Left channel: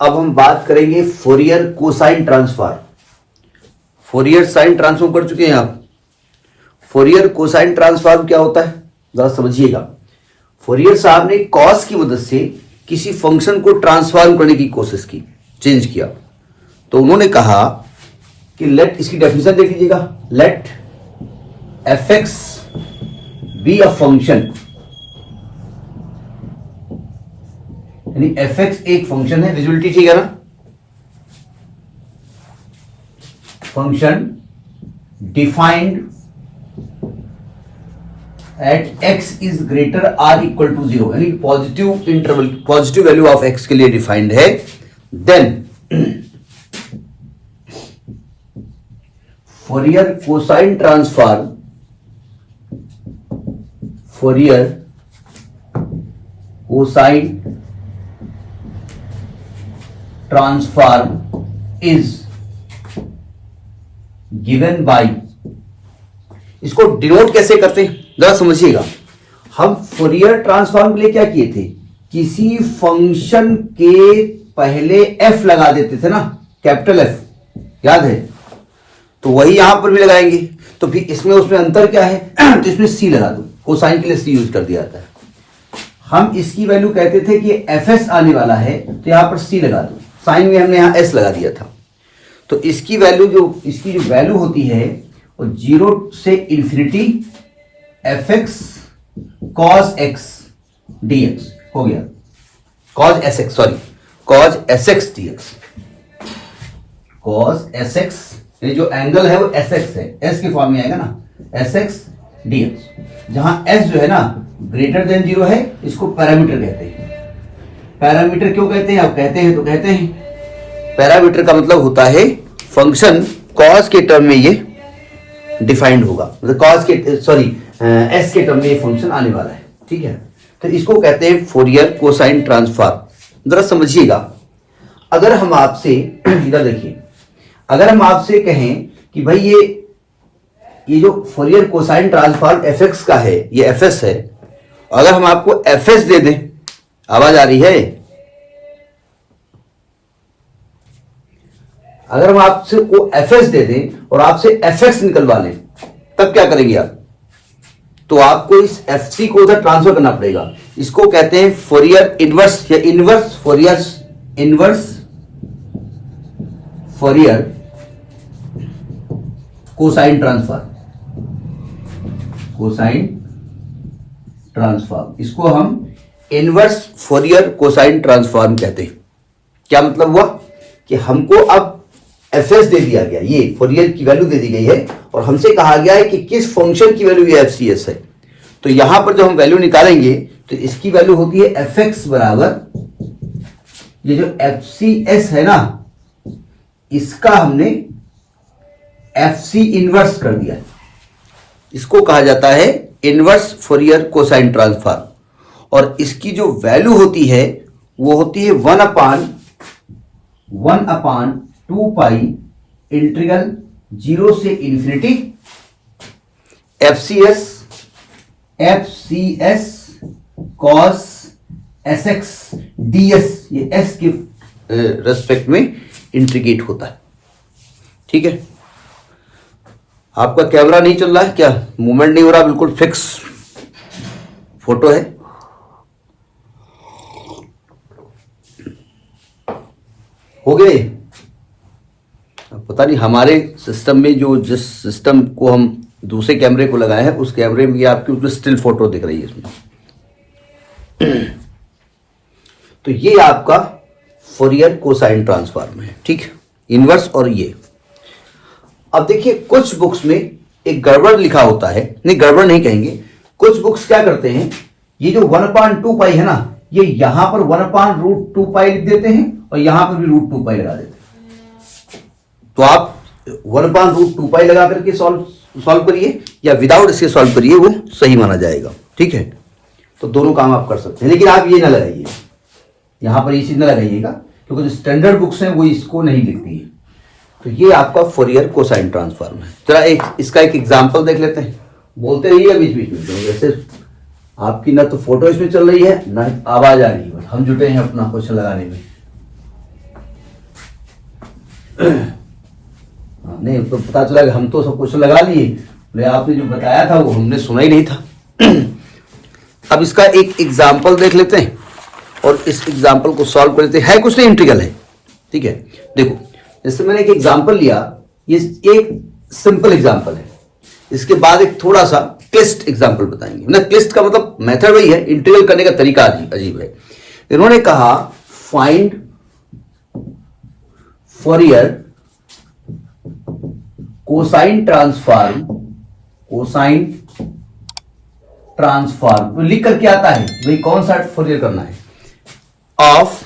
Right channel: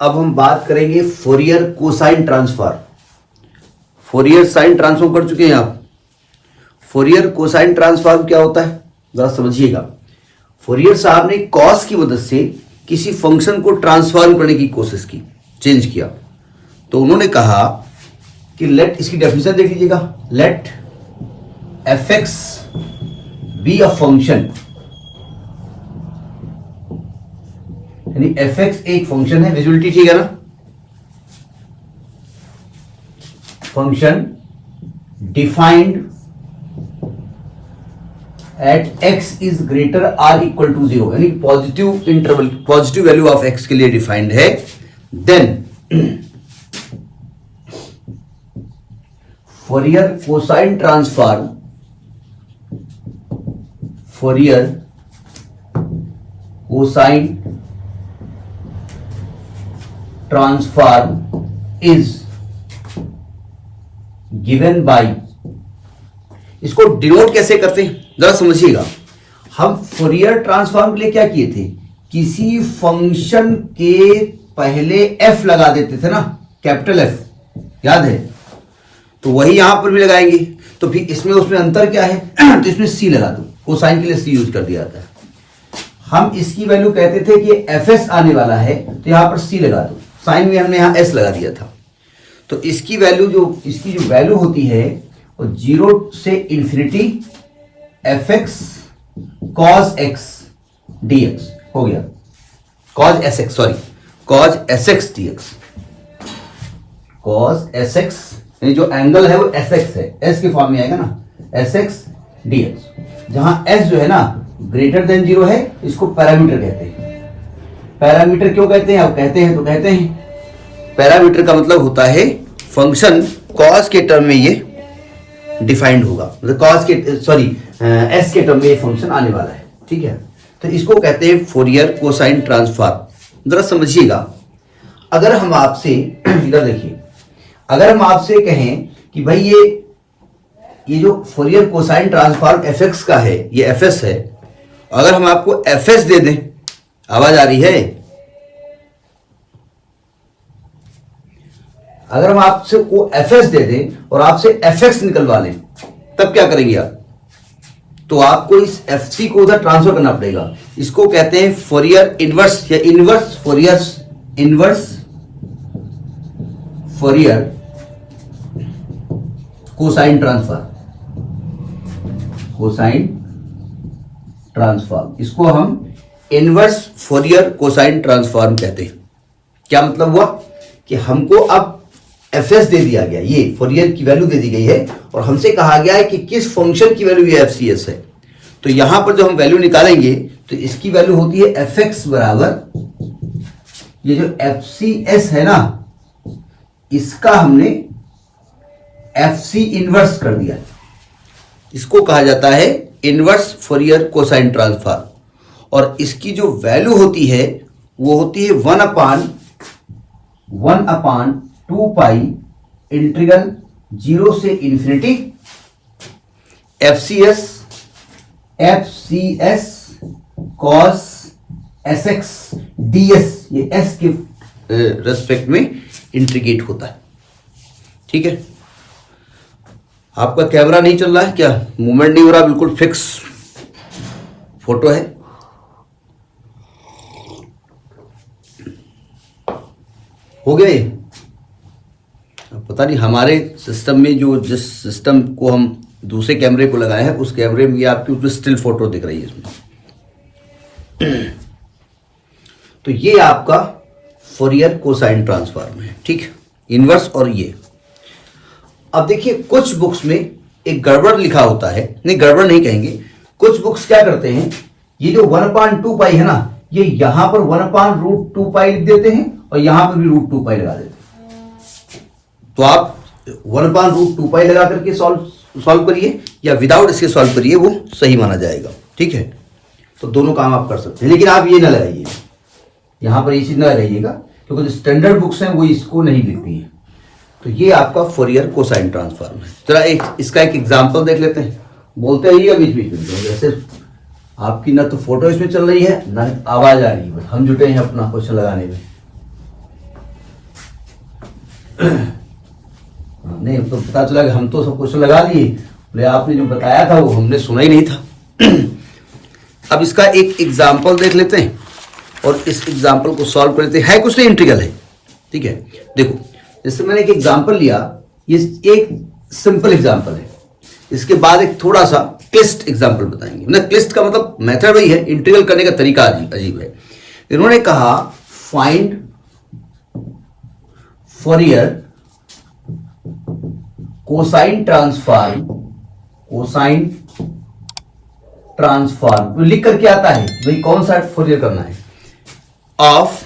अब हम बात करेंगे Fourier cosine transform. Fourier sine transform कर चुके हैं आप। फोरियर कोसाइन ट्रांसफॉर्म क्या होता है जरा समझिएगा। फोरियर साहब ने कॉस की मदद से किसी फंक्शन को ट्रांसफॉर्म करने की कोशिश की, चेंज किया। तो उन्होंने कहा कि लेट, इसकी डेफिनेशन देख लीजिएगा, let F X be a function, यानी एफ एक्स एक फंक्शन है। विजुअलिटी ठीक है ना। Function defined at X is greater or equal to 0, यानी positive interval, positive value of X के लिए डिफाइंड है। Then Fourier cosine transform, Fourier cosine transform is given by, इसको डिनोट कैसे करते हैं जरा समझिएगा। हम फोरियर ट्रांसफॉर्म के लिए क्या किए थे, किसी फंक्शन के पहले एफ लगा देते थे ना, कैपिटल एफ, याद है। तो वही यहां पर भी लगाएंगे। तो फिर इसमें उसमें अंतर क्या है तो इसमें सी लगा दो, कोसाइन के लिए सी यूज कर दिया जाता है। हम इसकी वैल्यू कहते थे कि एफ एस आने वाला है तो यहां पर सी लगा दो, साइन में हमने यहां एस लगा दिया था। तो इसकी वैल्यू इसकी जो वैल्यू होती है वो 0 से infinity F x cos x D x हो गया, cause S x, sorry cause S X D x, cause S x, यानी जो एंगल है वो एस एक्स है, एस के फॉर्म में आएगा ना, एस एक्स डी एक्स। जहां एस जो है ना ग्रेटर देन 0 है, इसको पैरामीटर कहते हैं। पैरामीटर क्यों कहते हैं, अब कहते हैं तो कहते हैं पैरामीटर का मतलब होता है फंक्शन कॉस के टर्म में ये डिफाइंड होगा, मतलब कॉस के, सॉरी एस के टर्म में ये फंक्शन आने वाला है, ठीक है। तो इसको कहते हैं फोरियर कोसाइन ट्रांसफॉर्म। जरा समझिएगा, अगर हम आपसे इधर देखिए, अगर हम आपसे कहें कि भाई ये जो Fourier cosine transform F x का है, ये एफ एस है, अगर हम आपको एफ एस दे दें, आवाज आ रही है, अगर हम आपसे को एफ एस दे दें और आपसे एफ एक्स निकलवा लें, तब क्या करेंगे आप, तो आपको इस एफ सी को उधर ट्रांसफर करना पड़ेगा। इसको कहते हैं फोरियर इनवर्स या inverse Fourier, inverse Fourier cosine transform, cosine transform, इसको हम इनवर्स फोरियर कोसाइन ट्रांसफॉर्म कहते हैं। क्या मतलब हुआ कि हमको अब एफ एस दे दिया गया, ये फोरियर की वैल्यू दे दी गई है, और हमसे कहा गया है कि किस फंक्शन की वैल्यू ये एफ सी एस है। तो यहां पर जब हम वैल्यू निकालेंगे तो इसकी वैल्यू होती है एफ एक्स बराबर, ये जो एफ सी एस है ना, इसका हमने एफ सी इनवर्स कर दिया, इसको कहा जाता है इनवर्स फोरियर कोसाइन ट्रांसफॉर्म। और इसकी जो वैल्यू होती है वो होती है 1/2 पाई इंटीग्रल 0 से infinity F C S cos S X D S, ये एस के रेस्पेक्ट में इंटीग्रेट होता है, ठीक है। आपका कैमरा नहीं चल रहा है क्या, मूवमेंट नहीं हो रहा, बिल्कुल फिक्स फोटो है। हो गए। पता नहीं हमारे सिस्टम में जो, जिस सिस्टम को हम दूसरे कैमरे को लगाए हैं, उस कैमरे में आपकी उसमें स्टिल फोटो दिख रही है इसमें। तो ये आपका फोरियर कोसाइन ट्रांसफॉर्म है, ठीक है, इनवर्स। और ये अब देखिए, कुछ बुक्स में एक गड़बड़ लिखा होता है, नहीं गड़बड़ नहीं कहेंगे, कुछ बुक्स क्या करते हैं, ये जो 1/2 पाई है ना, ये यहां पर 1/√2 पाई लिख देते हैं और यहां पर भी √2 पाई लगा देते हैं। तो आप 1/√2 पाई लगा करके सॉल्व करिए या विदाउट इसके सॉल्व करिए, वो सही माना जाएगा, ठीक है। तो दोनों काम आप कर सकते हैं, लेकिन आप ये ना लगाइए, यहां पर ये चीज ना लगाइएगा, क्योंकि जो स्टैंडर्ड बुक्स हैं वो इसको नहीं लिखती है। तो ये आपका फोरियर कोसाइन ट्रांसफॉर्म है। जरा इसका एक एग्जांपल देख लेते हैं, बोलते रहिएगा बीच बीच में, जैसे आपकी ना तो फोटो इसमें चल रही है ना आवाज आ रही है, हम जुटे हैं अपना क्वेश्चन लगाने में। नहीं, तो पता चला कि हम तो सब क्वेश्चन लगा लिए, बोले आपने जो बताया था वो हमने सुना ही नहीं था। अब इसका एक एग्जाम्पल देख लेते हैं और इस एग्जाम्पल को सॉल्व कर लेते हैं। है कुछ नहीं, इंटीग्रल है, ठीक है। देखो, जैसे मैंने एक एग्जाम्पल लिया, ये एक सिंपल एग्जाम्पल है, इसके बाद एक थोड़ा सा क्लिष्ट एग्जाम्पल बताएंगे। मतलब क्लिष्ट का मतलब मेथड वही है, इंटीग्रल करने का तरीका अजीब है। इन्होंने कहा फाइंड फोरियर कोसाइन ट्रांसफॉर्म लिख करके आता है, भाई कौन सा फोरियर करना है, ऑफ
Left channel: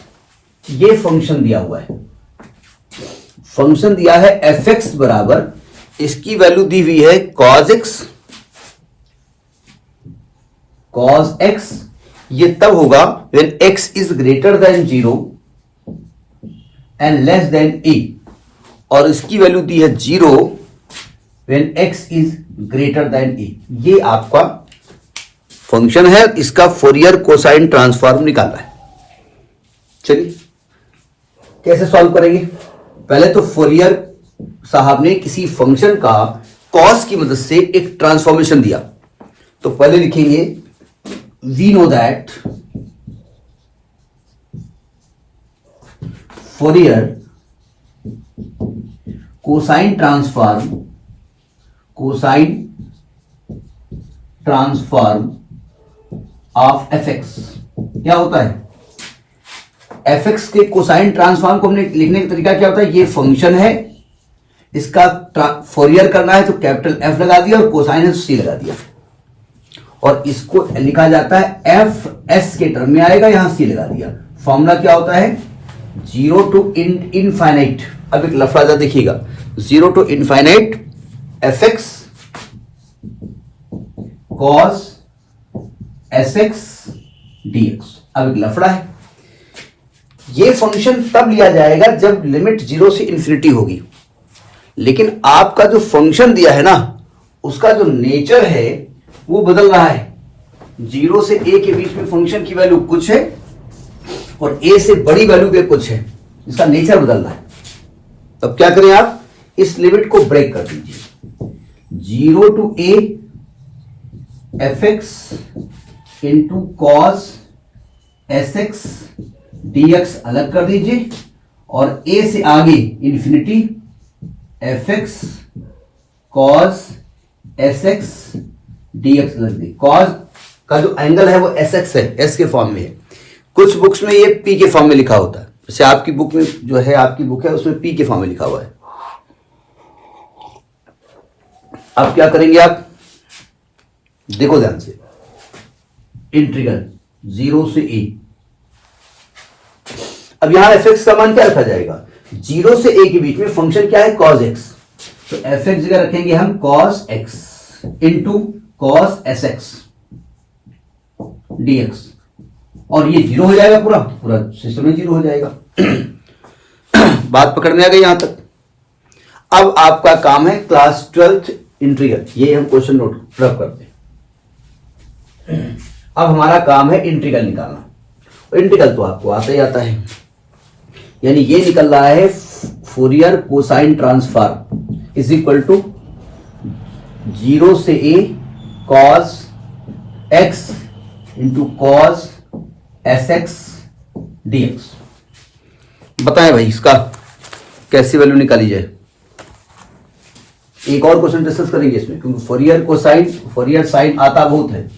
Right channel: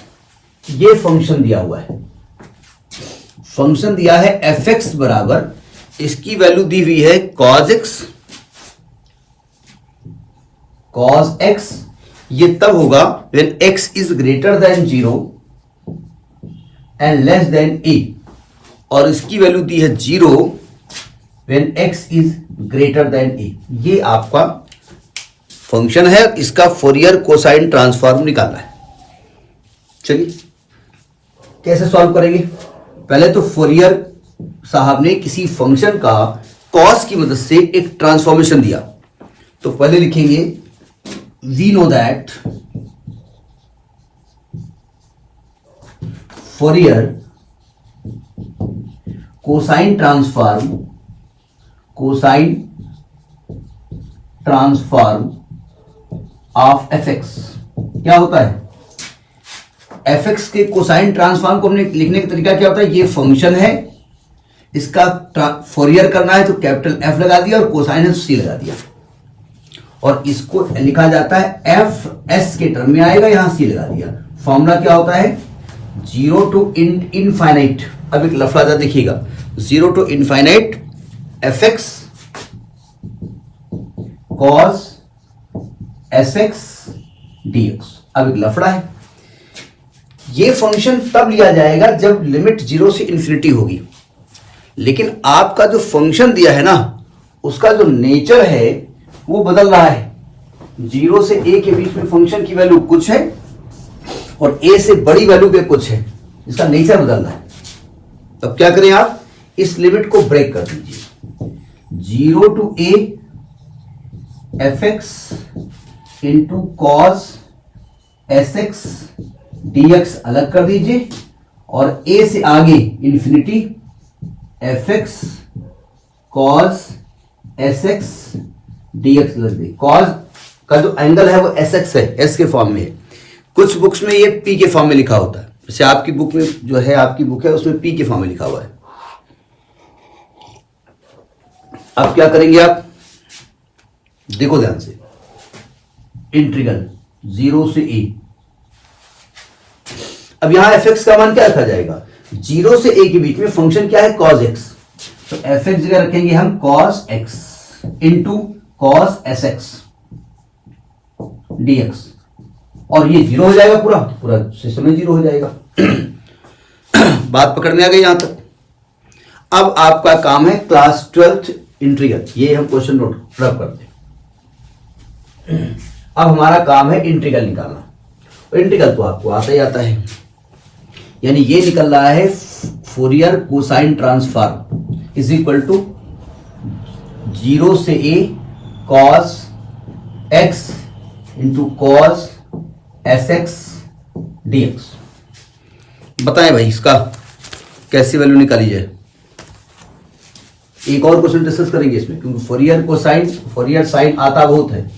ये फंक्शन दिया हुआ है, फंक्शन दिया है एफ एक्स बराबर, इसकी वैल्यू दी हुई है cos x, ये तब होगा when x is greater than 0 and less than a, और इसकी वैल्यू दी है 0 when x is greater than a। ये आपका फंक्शन है, इसका फोरियर कोसाइन ट्रांसफॉर्म निकालना है। चलिए कैसे सॉल्व करेंगे। पहले तो फोरियर साहब ने किसी फंक्शन का कॉस की मदद से एक ट्रांसफॉर्मेशन दिया, तो पहले लिखेंगे we know that Fourier cosine transform of F X क्या होता है। एफ एक्स के कोसाइन ट्रांसफॉर्म को हमने लिखने का तरीका क्या होता है, ये फंक्शन है, इसका फोरियर करना है तो कैपिटल एफ लगा दिया और कोसाइन है तो सी लगा दिया, और इसको लिखा जाता है एफ एस के टर्म में आएगा, यहां सी लगा दिया। फॉर्मूला क्या होता है 0 to इनफाइनाइट। अब एक लफड़ा देखिएगा, 0 to infinite F x cos S X D x. अब एक लफड़ा है, ये फंक्शन तब लिया जाएगा जब लिमिट 0 से इन्फिनिटी होगी, लेकिन आपका जो फंक्शन दिया है ना, उसका जो नेचर है वो बदल रहा है। 0 से a के बीच में फंक्शन की वैल्यू कुछ है और a से बड़ी वैल्यू पे कुछ है, इसका नेचर बदल रहा है। तब क्या करें आप, इस लिमिट को ब्रेक कर दीजिए। 0 to a F x into cos S X D x अलग कर दीजिए, और a से आगे infinity F x cos S X D x लग दे। कॉस का जो एंगल है वो एस एक्स है, एस के फॉर्म में है। कुछ बुक्स में ये पी के फॉर्म में लिखा होता है, जैसे आपकी बुक में जो है, आपकी बुक है उसमें पी के फॉर्म में लिखा हुआ है। अब क्या करेंगे आप, देखो ध्यान से, इंटीग्रल 0 से a। अब यहां एफ एक्स का मान क्या रखा जाएगा, 0 से a के बीच में फंक्शन क्या है cos x, तो एफ एक्स जगह रखेंगे हम cos x into cos S X D x, और ये 0 हो जाएगा, पूरा सिस्टम में 0 हो जाएगा। बात पकड़ में आ गई यहां तक। अब आपका काम है क्लास 12th इंटीग्रल, ये हम क्वेश्चन नोट रब करते हैं। अब हमारा काम है इंटीग्रल निकालना, और इंटीग्रल तो आपको आता ही आता है, यानी ये निकल रहा है Fourier cosine transform is equal to 0 से a cos x into cos S X D X. बताएं भाई इसका कैसे वैल्यू निकाली जाए। एक और क्वेश्चन डिस्कस करेंगे इसमें, क्योंकि फोरियर साइन आता बहुत है।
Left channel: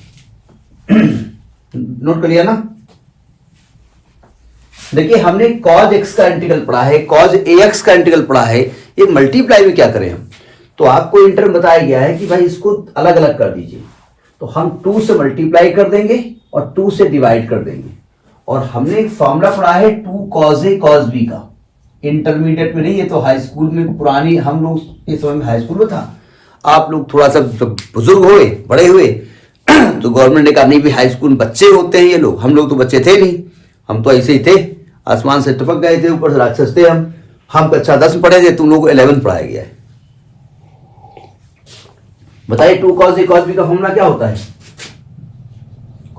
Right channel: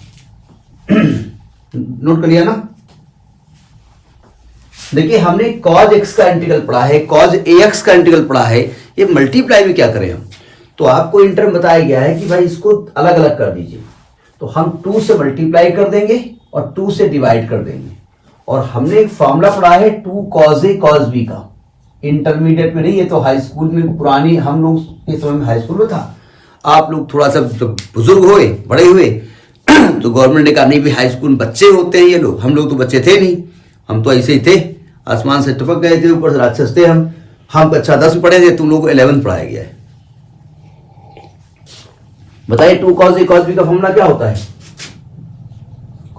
नोट कर लिया ना। देखिए हमने cos x का इंटीग्रल पढ़ा है, cos ax का इंटीग्रल पढ़ा है, ये मल्टीप्लाई में क्या करें हम, तो आपको इंटर में बताया गया है कि भाई इसको अलग अलग कर दीजिए, तो हम 2 से मल्टीप्लाई कर देंगे और 2 से डिवाइड कर देंगे। और हमने एक फॉर्मूला पढ़ा है 2 cos a cos b का, इंटरमीडिएट में नहीं, ये तो हाई स्कूल में, पुरानी हम लोग के समय में हाई स्कूल में था। आप लोग थोड़ा सा बुजुर्ग हुए, बड़े हुए, तो गवर्नमेंट ने कहा नहीं भी हाई स्कूल बच्चे होते हैं ये लोग, हम लोग तो बच्चे थे नहीं, हम तो ऐसे ही थे, आसमान से टपक गए थे, ऊपर से राक्षस थे हम कक्षा 10 में पढ़े थे, तुम लोग को 11 पढ़ाया गया है। बताइए 2 cos a cos b का फॉर्मूला क्या होता है,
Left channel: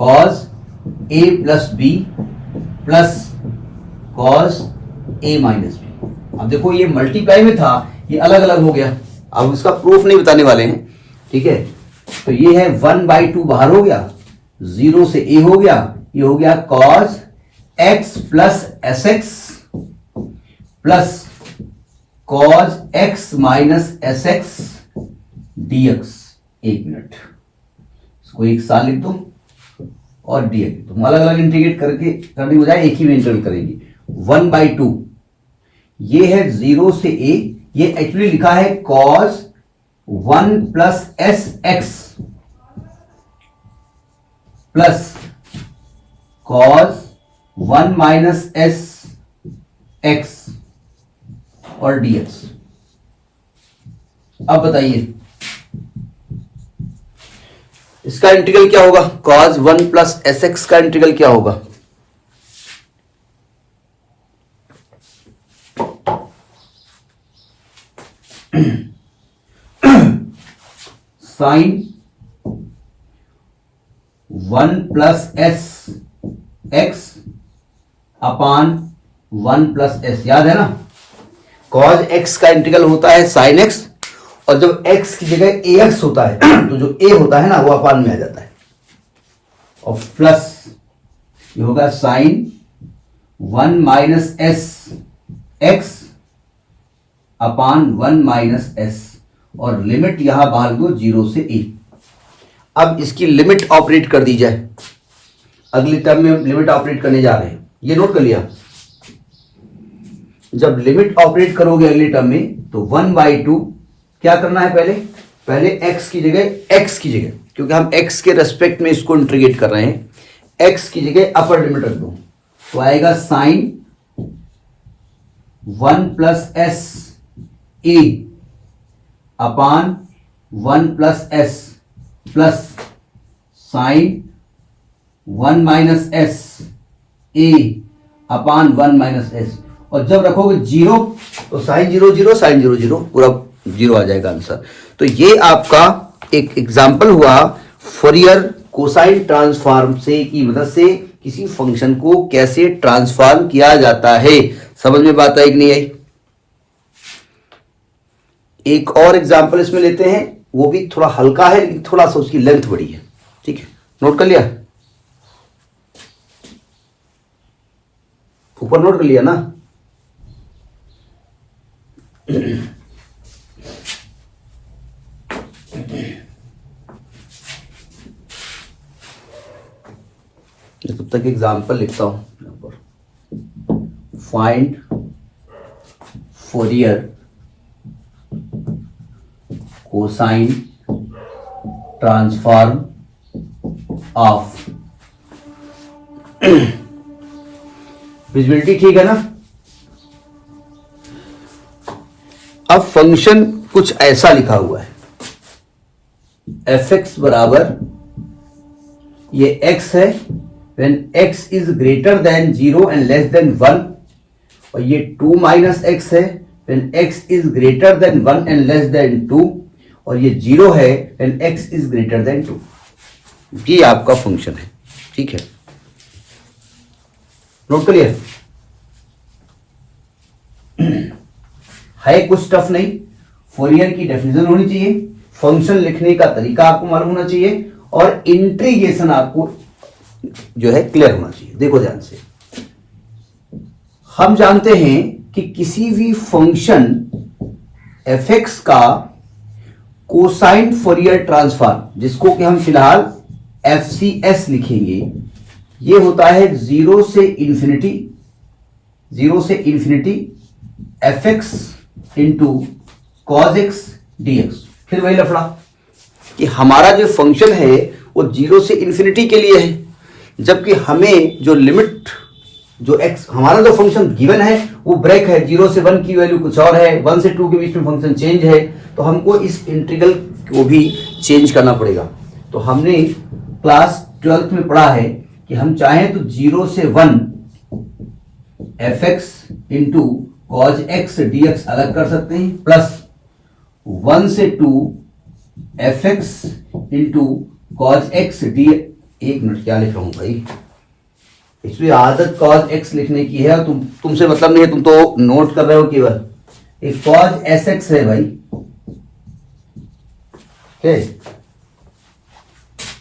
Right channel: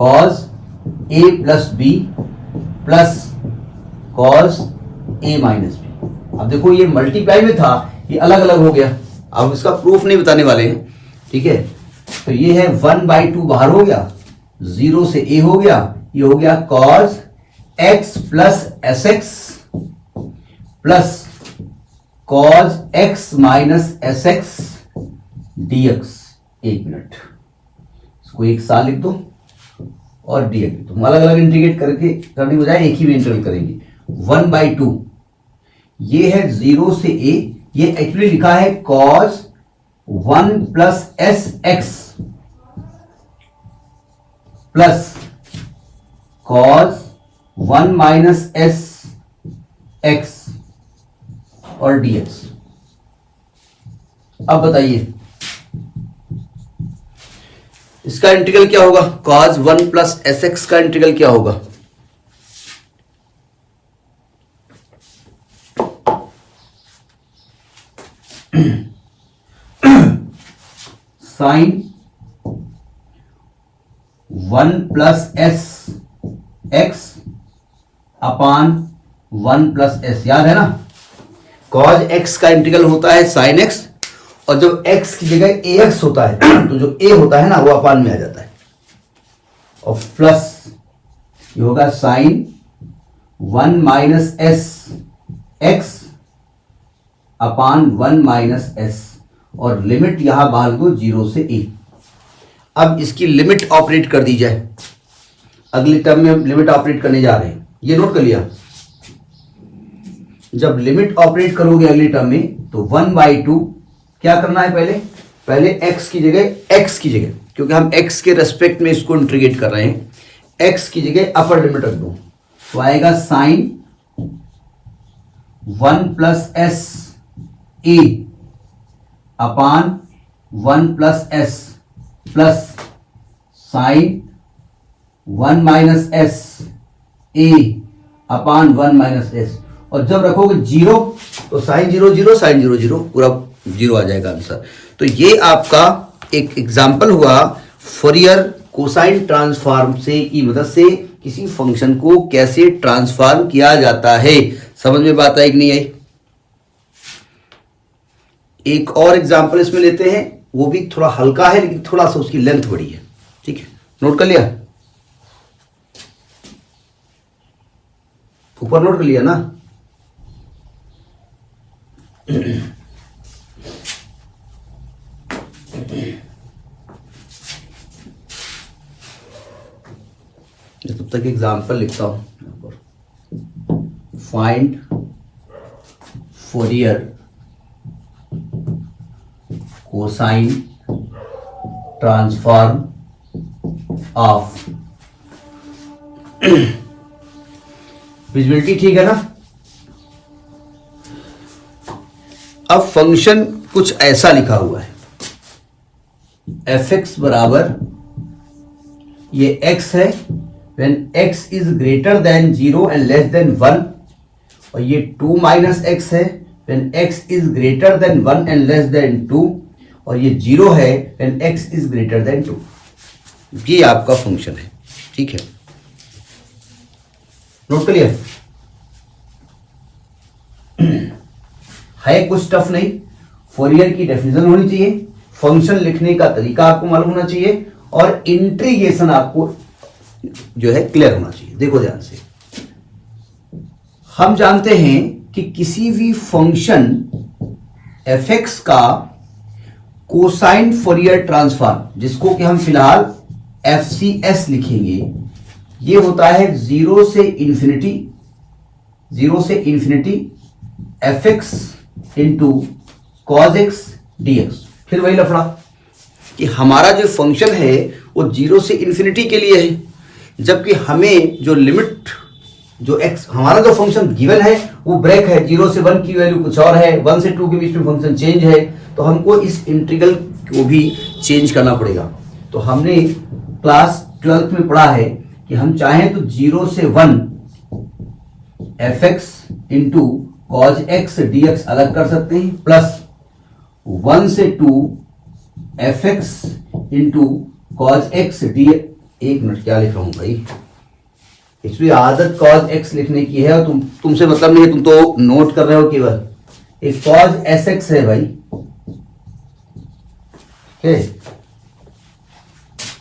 cos a plus b plus cos a minus b। अब देखो ये मल्टीप्लाई में था, ये अलग अलग हो गया। अब इसका प्रूफ नहीं बताने वाले हैं, ठीक है। तो ये है 1/2 बाहर हो गया, 0 से a हो गया, ये हो गया cos x plus S x plus cos x minus S x dx। एक मिनट, इसको एक साल लिख दो और dx लिख दो। अलग अलग इंटीग्रेट करने की बजाय एक ही में इंटीग्रेट करेंगे। 1/2 ये है 0 से a, ये एक्चुअली लिखा है cos 1 plus S x plus cos 1 minus S x और dx। अब बताइए इसका इंटीग्रल क्या होगा? cos 1 प्लस एस एक्स का इंटीग्रल क्या होगा? साइन 1 प्लस एस एक्स अपान 1 प्लस एस, याद है ना? cos x का इंटीग्रल होता है sin x, और जब x की जगह ax होता है तो जो a होता है ना वो अपान में आ जाता है, और प्लस ये होगा sin 1 माइनस एस एक्स अपान 1 माइनस एस, और लिमिट यहां बाहर दो 0 से a। अब इसकी लिमिट ऑपरेट कर दी जाए, अगले टर्म में हम लिमिट ऑपरेट करने जा रहे हैं, ये नोट कर लिया। जब लिमिट ऑपरेट करोगे अगले टर्म में तो 1/2 क्या करना है? पहले x की जगह, क्योंकि हम x के रेस्पेक्ट में इसको इंटीग्रेट कर रहे हैं, x की जगह अपर लिमिट रख दो, तो आएगा sine 1 plus S A upon 1 plus S plus sine 1 minus S A upon 1 minus S, और जब रखोगे 0 तो साइन 0 साइन 0 पूरा 0 आ जाएगा आंसर। तो ये आपका एक एग्जाम्पल हुआ फोरियर कोसाइन ट्रांसफॉर्म से की मदद से किसी फंक्शन को कैसे ट्रांसफॉर्म किया जाता है। समझ में बात आई कि नहीं आई? एक और एग्जाम्पल इसमें लेते हैं, वो भी थोड़ा हल्का है लेकिन थोड़ा सा उसकी लेंथ बड़ी है, ठीक है। नोट कर लिया? ऊपर नोट कर लिया ना? तब तक एग्जाम्पल लिखता हूं। Find Fourier cosine transform of, visibility ठीक है ना? अब फंक्शन कुछ ऐसा लिखा हुआ है, एफ एक्स बराबर ये x है when x is greater than 0 and less than 1, और ये 2 माइनस एक्स है when x is greater than 1 and less than 2, और ये 0 है when x is greater than 2। ये आपका फंक्शन है, ठीक है। नोट कर लिया? है कुछ टफ नहीं, फोरियर की डेफिनेशन होनी चाहिए, फंक्शन लिखने का तरीका आपको मालूम होना चाहिए, और इंटीग्रेशन आपको जो है क्लियर होना चाहिए। देखो ध्यान से, हम जानते हैं कि किसी भी फंक्शन एफ एक्स का कोसाइन फोरियर ट्रांसफॉर्म, जिसको कि हम फिलहाल एफ सी एस लिखेंगे, ये होता है 0 से infinity F x into cos x D x. फिर वही लफड़ा कि हमारा जो फंक्शन है वो 0 से इंफिनिटी के लिए है, जबकि हमें जो लिमिट जो x हमारा जो फंक्शन गिवन है वो ब्रेक है, 0 से 1 की वैल्यू कुछ और है, 1 से 2 के बीच में फंक्शन चेंज है, तो हमको इस इंटीग्रल को भी चेंज करना पड़ेगा। तो हमने क्लास 12th में पढ़ा है कि हम चाहें तो 0 से 1 F x into cos x D x अलग कर सकते हैं, प्लस 1 से 2 F x into cos x D. एक मिनट, क्या लिख रहा हूं भाई? एक्चुअली आदत कॉज एक्स लिखने की है और तुमसे मतलब नहीं है, तुम तो नोट कर रहे हो केवल। एक कॉज एस एक्स है भाई, है।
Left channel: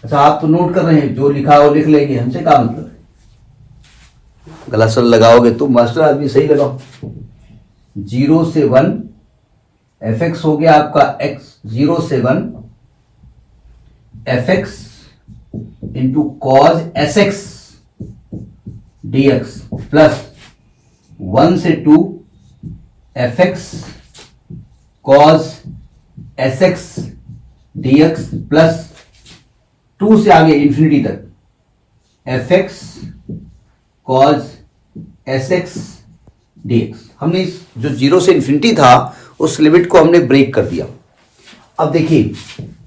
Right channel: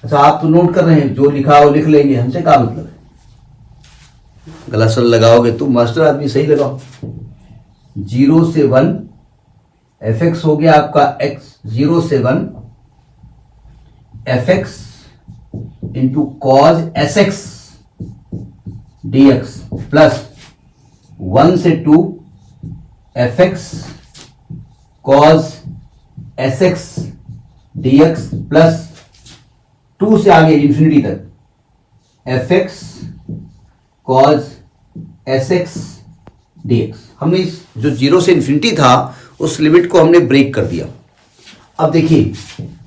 अच्छा आप तो नोट कर रहे हैं, जो लिखा हो लिख लेंगे, हमसे क्या मतलब। गलत सल लगाओगे तुम मास्टर आदमी, सही लगाओ। 0 से 1 एफ एक्स हो गया आपका एक्स, 0 से 1 F x into cos S X D x plus 1 से 2 F x cos S X D x plus 2 से आगे इंफिनिटी तक F x cos S X D x. हमने इस जो 0 से इंफिनिटी था उस लिमिट को हमने ब्रेक कर दिया। अब देखिए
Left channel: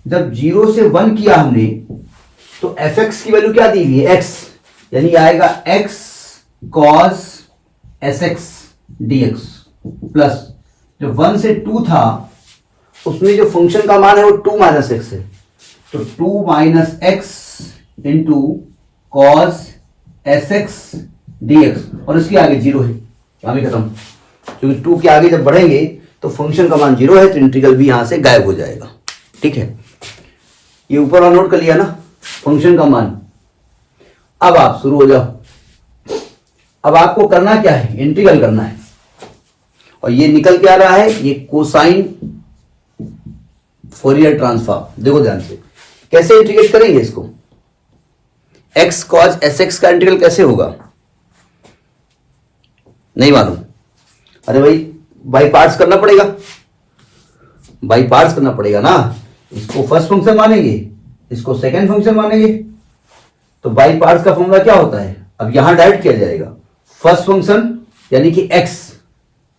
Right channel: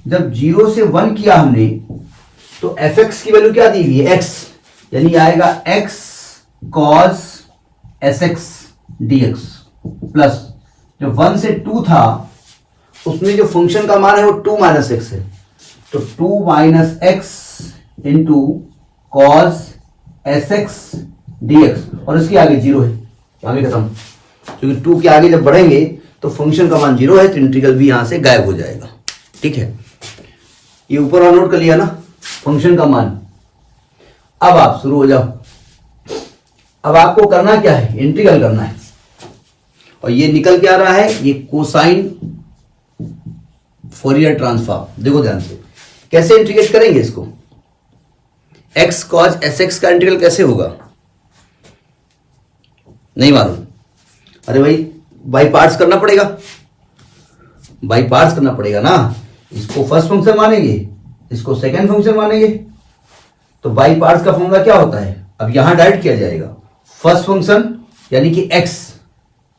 जब 0 से 1 किया हमने तो एफ एक्स की वैल्यू क्या दी हुई है, एक्स, यानी आएगा x cos S X D x plus जो 1 से 2 था उसमें जो फंक्शन का मान है वो 2 माइनस एक्स है, तो 2 minus x into cos S X D x, और इसके आगे 0 है, आगे खत्म। क्योंकि 2 के आगे जब बढ़ेंगे तो फंक्शन का मान 0 है, तो इंटीग्रल भी यहां से गायब हो जाएगा। ठीक है, ये ऊपर वाला नोट कर लिया ना फंक्शन का मान। अब आप शुरू हो जाओ। अब आपको करना क्या है, इंटीग्रल करना है, और ये निकल के आ रहा है ये कोसाइन फोरियर ट्रांसफॉर्म। देखो ध्यान से कैसे इंटीग्रेट करेंगे इसको। एक्स कॉस एस एक्स का इंटीग्रल कैसे होगा, नहीं मालूम। अरे भाई बाई पार्ट्स करना पड़ेगा, बाई पार्ट्स करना पड़ेगा ना। इसको फर्स्ट फंक्शन मानेंगे, इसको सेकेंड फंक्शन मानेंगे, तो बाई पार्ट्स का फॉर्मूला क्या होता है, अब यहां डायरेक्ट किया जाएगा। फर्स्ट फंक्शन यानी कि x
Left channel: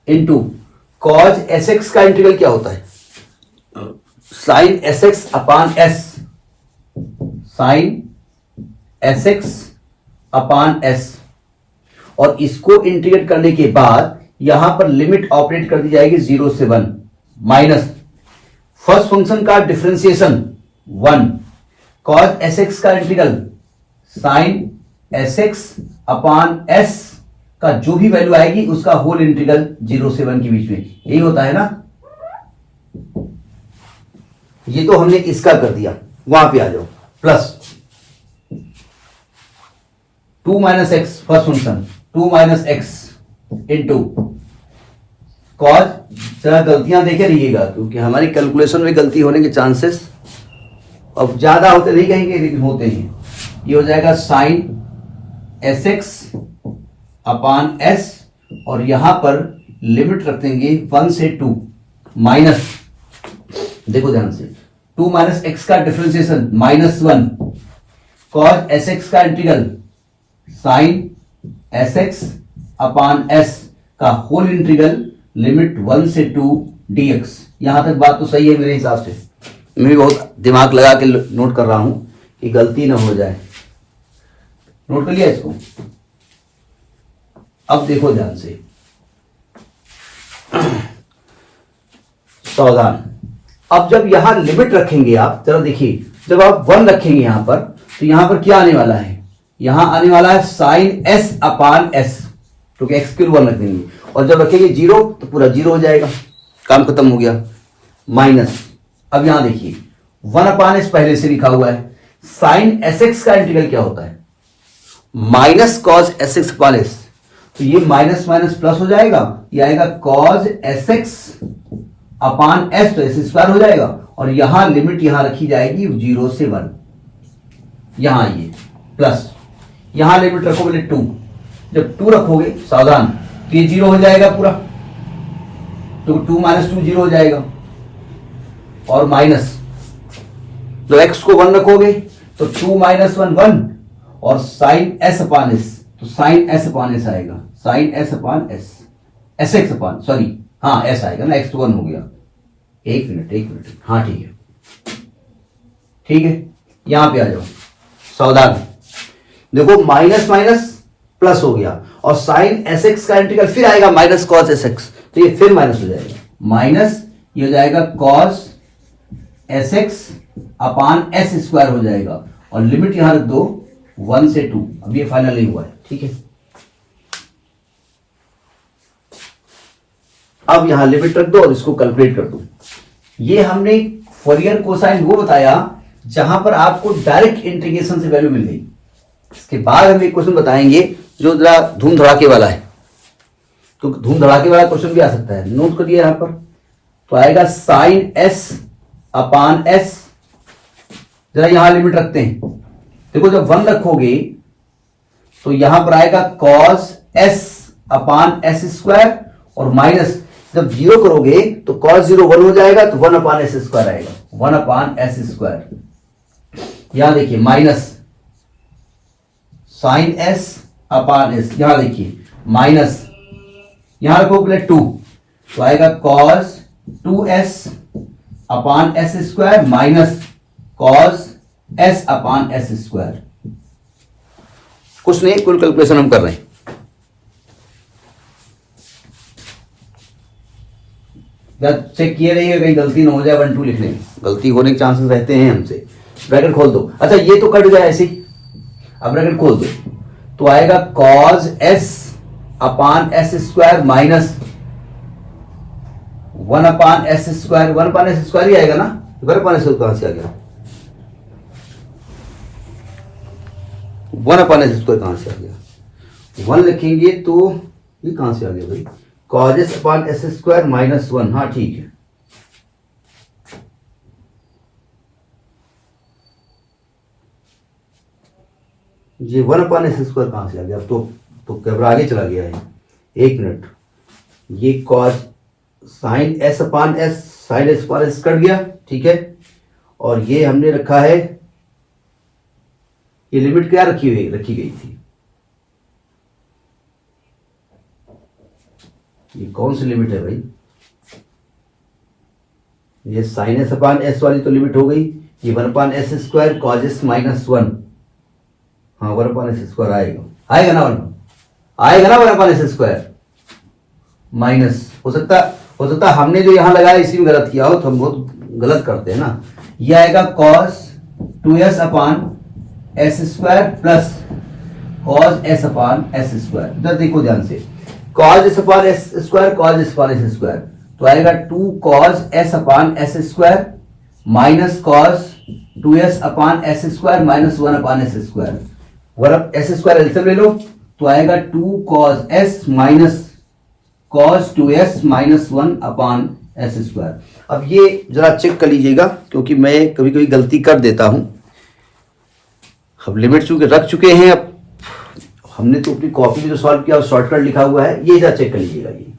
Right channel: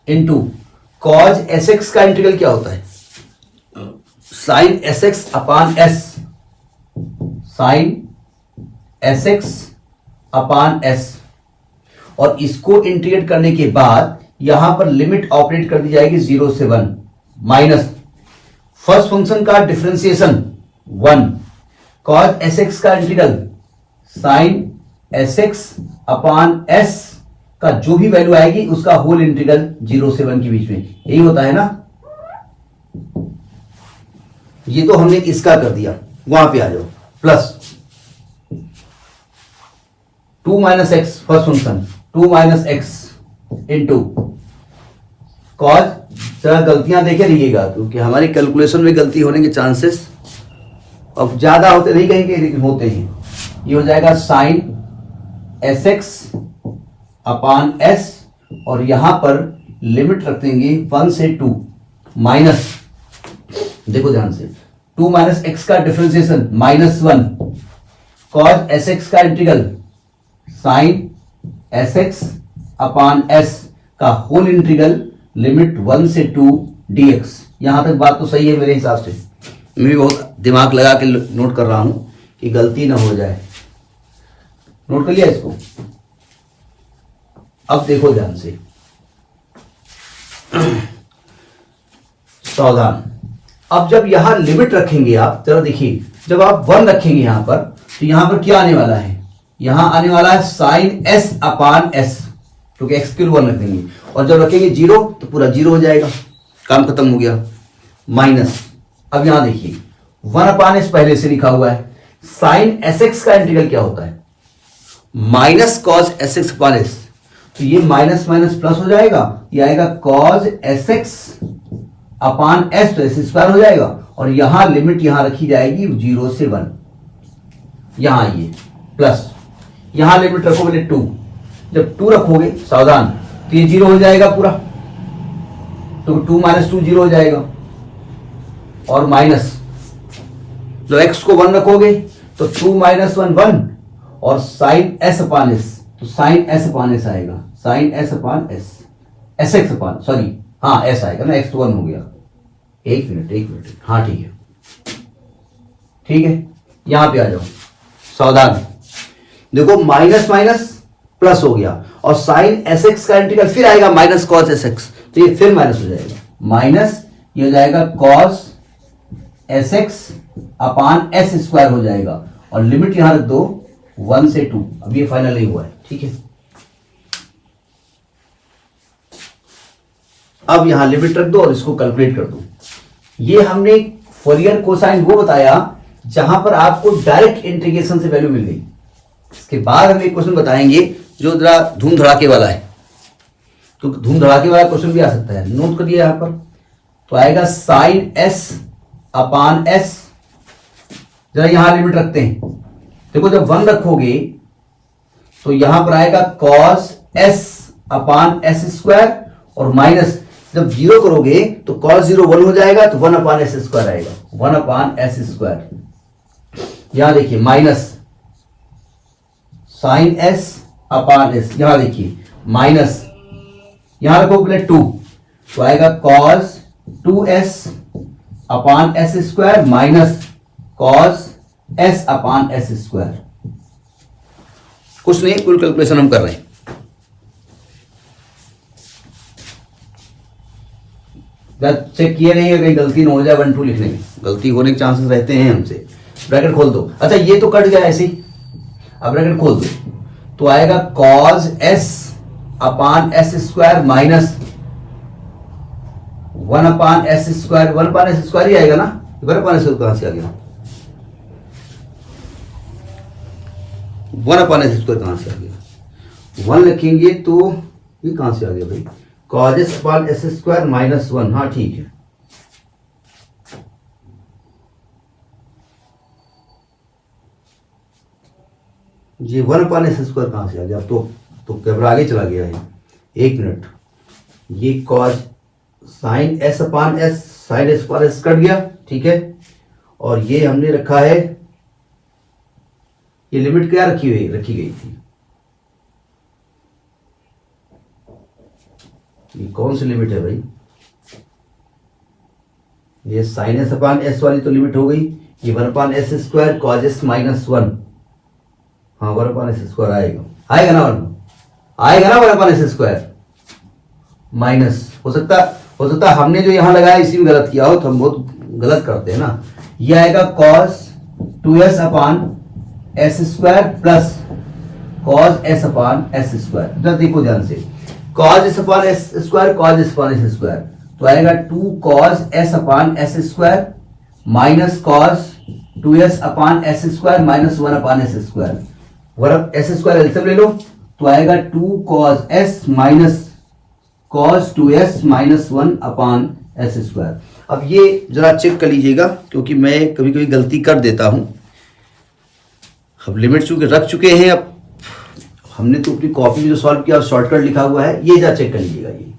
into cos S x का इंटीग्रल क्या होता है, साइन एस एक्स अपान एस, साइन एस एक्स अपान एस, और इसको इंटीग्रेट करने के बाद यहां पर लिमिट ऑपरेट कर दी जाएगी 0 से 1 माइनस फर्स्ट फंक्शन का डिफरेंशिएशन 1, कॉज एस एक्स का इंटीग्रल साइन एस एक्स अपान एस का जो भी वैल्यू आएगी उसका होल इंटीग्रल 0 से 1 के बीच में, यही होता है ना। ये तो हमने इसका कर दिया, वहां पे आ जाओ plus 2 minus x first function, 2 minus x into cos. जरा गलतियां देखे रहिएगा क्योंकि हमारी कैलकुलेशन में गलती होने के चांसेस अब ज्यादा होते नहीं कहेंगे लेकिन होते हैं। ये हो जाएगा साइन एस एक्स अपान एस, और यहां पर लिमिट रख देंगे 1 से 2 माइनस, देखो ध्यान से 2 माइनस एक्स का डिफरेंशिएशन -1, कॉज एस एक्स का इंटीग्रल साइन एस एक्स अपान एस का होल इंटीग्रल लिमिट 1 से 2 dx। यहां तक बात तो सही है मेरे हिसाब से, मैं भी बहुत दिमाग लगा के नोट कर रहा हूं कि गलती ना हो जाए। नोट कर लिया इसको। अब देखो ध्यान से, सावधान। अब जब यहां लिमिट रखेंगे आप, चलो देखिए जब आप 1 रखेंगे यहां पर, तो यहां पर क्या आने वाला है, यहां आने वाला है साइन एस अपान एस, क्योंकि एक्स के 1 रख देंगे, और जब रखेंगे 0 तो पूरा 0 हो जाएगा, काम खत्म हो गया। माइनस, अब यहां देखिए 1 अपान एस पहले से लिखा हुआ है, साइन एस एक्स का इंटीग्रल क्या होता है, माइनस कॉस एस एक्स अपान एस, तो ये माइनस माइनस प्लस हो जाएगा, ये आएगा कॉस एस एक्स अपान एस, तो एस स्क्वायर हो जाएगा, और यहां लिमिट यहां रखी जाएगी 0 से 1, यहां आइए प्लस, यहां लिमिट रखो बोले 2, जब 2 रखोगे सावधान तो ये 0 हो जाएगा पूरा, तो 2 माइनस 2 0 हो जाएगा, और माइनस तो x को 1 रखोगे तो 2 माइनस 1 1, और साइन एस अपान एस, तो साइन एस अपान एस आएगा, sine S upon s, s x upon, sorry हाँ एस आएगा ना, x तो 1 हो गया। एक मिनट, हाँ ठीक है, यहां पे आ जाओ सावधान। देखो माइनस माइनस प्लस हो गया, और साइन एस एक्स का इंटीग्रल फिर आएगा माइनस कॉस एस एक्स, तो ये फिर माइनस हो जाएगा, माइनस ये हो जाएगा कॉस एस एक्स अपान एस स्क्वायर हो जाएगा, और लिमिट यहां रख दो 1 से 2, अब ये फाइनल नहीं हुआ है। ठीक है। अब यहां लिमिट रख दो और इसको कैलकुलेट कर दो। ये हमने फोरियर कोसाइन वो बताया जहां पर आपको डायरेक्ट इंटीग्रेशन से वैल्यू मिल गई। इसके बाद हम एक क्वेश्चन बताएंगे जो जरा धूम धड़ाके वाला है, क्योंकि धूम धड़ाके वाला क्वेश्चन भी आ सकता है। नोट करिए यहां पर, तो आएगा साइन एस अपान एस। जरा यहां लिमिट रखते हैं, देखो जब 1 रखोगे तो यहां पर आएगा cos s upon s square, और माइनस जब 0 करोगे तो कॉस 0 1 हो जाएगा, तो 1 अपान एस स्क्वायर आएगा, 1 अपान एस स्क्वायर। यहां देखिए minus sine S upon s, यहां देखिए माइनस, यहां रखो पहले 2, तो आएगा cos 2s upon s square minus cos s upon s square. कुछ नहीं, कुल कैलकुलेशन हम कर रहे हैं। जब चेक किए नहीं, कहीं गलती ना हो जाए 1 2 लिखने में, गलती होने के चांसेस रहते हैं हमसे। ब्रैकेट खोल दो, अच्छा ये तो कट गया ऐसे ही, अब ब्रैकेट खोल दो, तो आएगा cos s upon s square minus 1 upon s square. 1 upon s square ही आएगा ना, 1 अपान एस कहां से आ गया, 1 अपान एस स्क्वायर कहां से आ गया, 1 लिखेंगे तो ये कहां से आ गया भाई, cos s upon s square minus 1। हाँ ठीक है, ये 1 अपान एस स्क्वायर कहां से आ गया, अब तो कैमरा आगे चला गया है। 1 मिनट, ये cos sine S upon S, sine S upon S cut गया, ठीक है। और ये हमने रखा है, ये लिमिट क्या रखी गई थी, ये कौन सी लिमिट है भाई, ये साइन एस अपान एस वाली तो लिमिट हो गई। ये 1 upon s square cos s minus 1, हाँ 1 अपान एस स्क्वायर आएगा ना 1 आएगा ना, 1 अपान एस स्क्वायर माइनस, हो सकता हमने जो यहां लगाया इसी में गलत किया हो, तो हम बहुत गलत करते हैं ना। ये आएगा cos 2s upon s square plus cos s upon s square. इधर देखो ध्यान से, cos s upon s square, cos s upon s square, तो आएगा 2 cos s upon s square minus cos 2s upon s square minus 1 upon s square. 1 s square LCM ले लो, तो आएगा 2 cos s minus cos 2s minus 1 upon s square. अब ये जरा check कर लीजिएगा, क्योंकि मैं कभी कभी गलती कर देता हूं। अब लिमिट चूंकि रख चुके हैं, अब हमने तो अपनी कॉपी में जो सॉल्व किया शॉर्टकट लिखा हुआ है, ये जरा चेक कर लीजिएगा ये,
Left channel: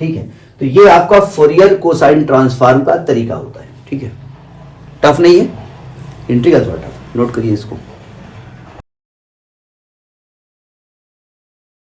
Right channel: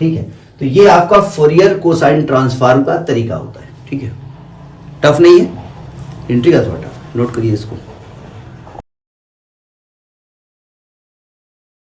ठीक है। तो ये आपका फोरियर कोसाइन ट्रांसफॉर्म का तरीका होता है, ठीक है। टफ नहीं है, इंटीग्रल थोड़ा टफ, नोट करिए इसको।